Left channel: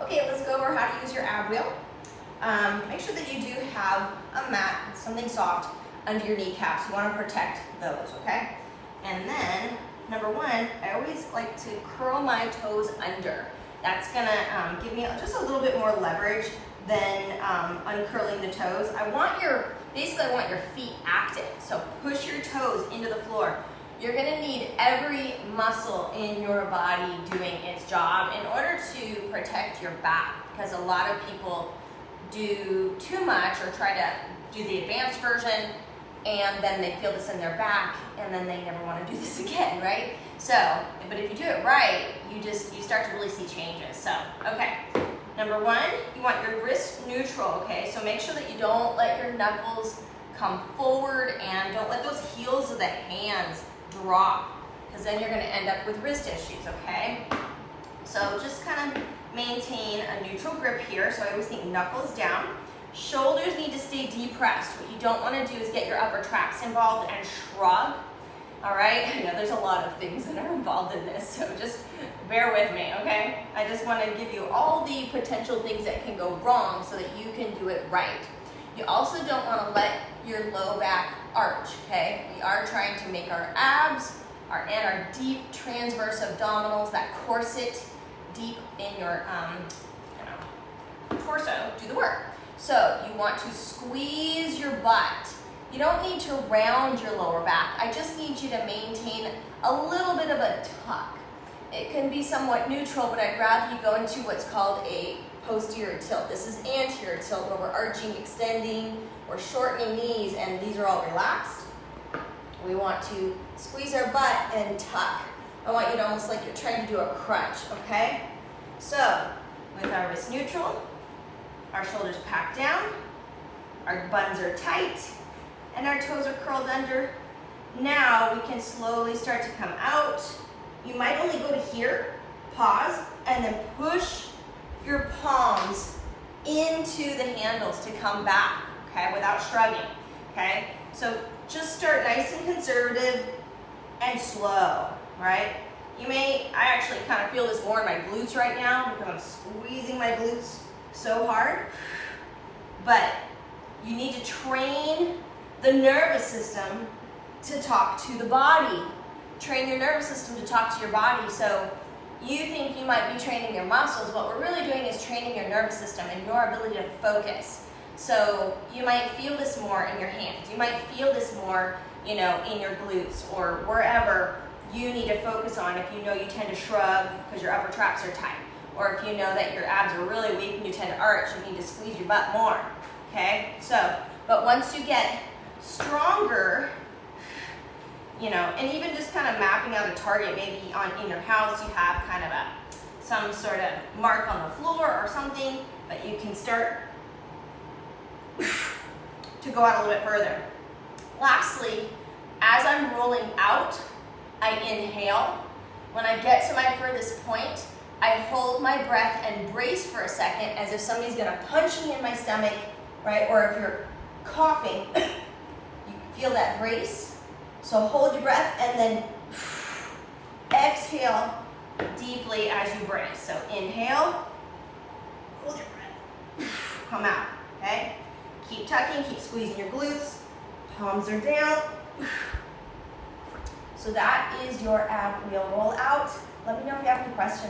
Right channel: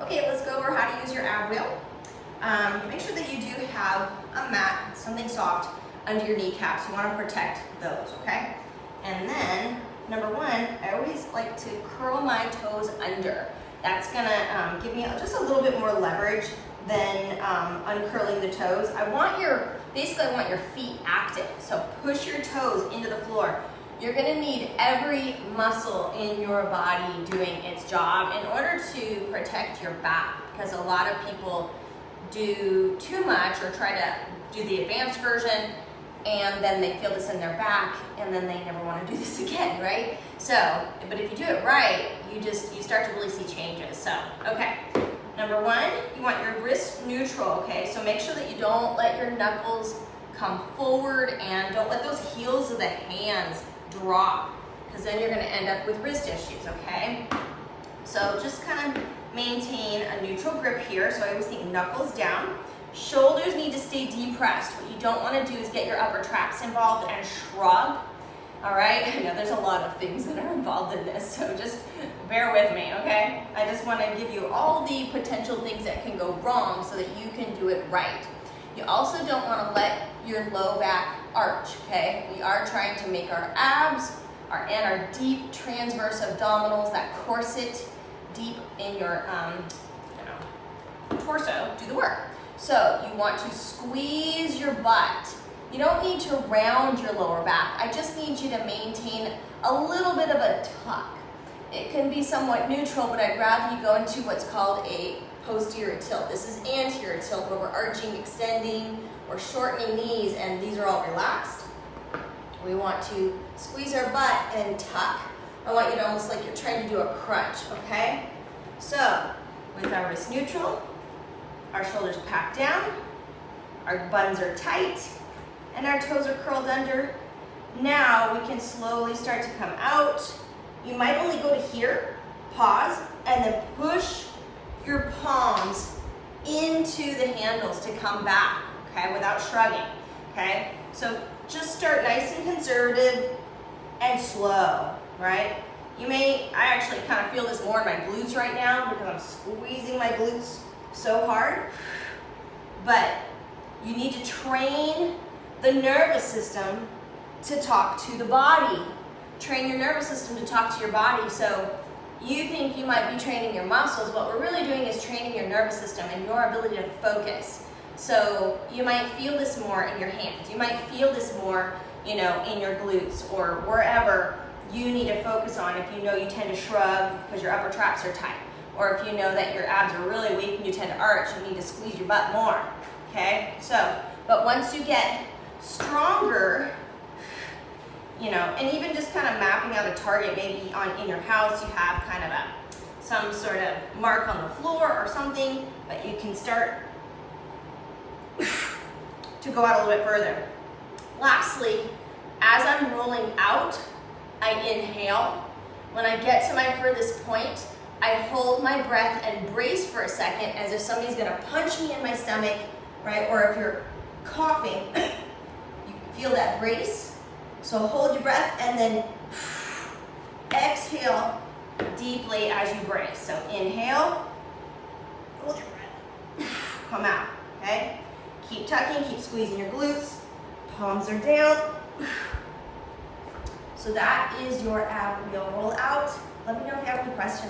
Okay, let's go over how to use your ab wheel. Make sure that you do have a mat, something soft, under your kneecaps. You want to protect those, okay? And then, number one, I always like to curl my toes under. That's gonna give me just a little bit more leverage than uncurling the toes. Basically I want your feet active. So push your toes into the floor. You're gonna need every muscle in your body doing its job in order to protect your back, because a lot of people do too much or try to do the advanced version and then they feel this in their back and then they never want to do this again, right? So, but if you do it right, you start to really see changes. So, okay. Number one, you want your wrist neutral, okay? So make sure that you don't let your knuckles come forward and don't let those heels of the hands drop, because then you're gonna end up with wrist issues, okay? So just kind of maintain a neutral grip here. So I always think knuckles down. Shoulders need to stay depressed. What you don't want to do is get your upper traps involved and shrug. All right, I know there's a lot of things that are involved in this, so just bear with me, okay? I just want to give you all the potential things that can go wrong so that you can do it right. You also don't want to let your low back arch, okay? We are trying to make our abs and our deep transverse abdominals, that corset deep in your torso, do the work. So you want to squeeze your butt. You don't need to round your lower back. I just need you to maintain a little bit of a tuck. It can be somewhat neutral, but I'd rather you go into what's called a posterior tilt. This is anterior tilt, where we're arching, extending, we're shortening knees, and these are all relaxed. We want to squeeze our butt and tuck. I want you to almost like you're trying to do a crunch, okay? So, with our wrist neutral, our shoulders packed down, our buns are tight, and our toes are curled under. Now we can slowly start to come out. You might only go to here, pause, and then push your palms into the handles to come back, okay, without shrugging, okay? So just start nice and conservative and slow, right? I actually kind of feel this more in my glutes right now because I'm squeezing my glutes so hard. But you need to train the nervous system to talk to the body. Train your nervous system to talk to your body. So you think you might be training your muscles. What we're really doing is training your nervous system and your ability to focus. So you might feel this more in your hands. You might feel this more, in your glutes or wherever you need to focus on if you know you tend to shrug because your upper traps are tight. Or if you know that your abs are really weak and you tend to arch, you need to squeeze your butt more, okay? So, but once you get stronger, and even just kind of mapping out a target, maybe in your house, you have kind of some sort of mark on the floor or something, but you can start to go out a little bit further. Lastly, as I'm rolling out, I inhale. When I get to my furthest point, I hold my breath and brace for a second as if somebody's gonna punch me in my stomach, right? Or if you're coughing, you feel that brace. So hold your breath and then exhale deeply as you brace. So inhale, hold your breath, come out, okay? Keep tucking, keep squeezing your glutes, palms are down. So that is your ab wheel roll out. Let me know if you have any questions.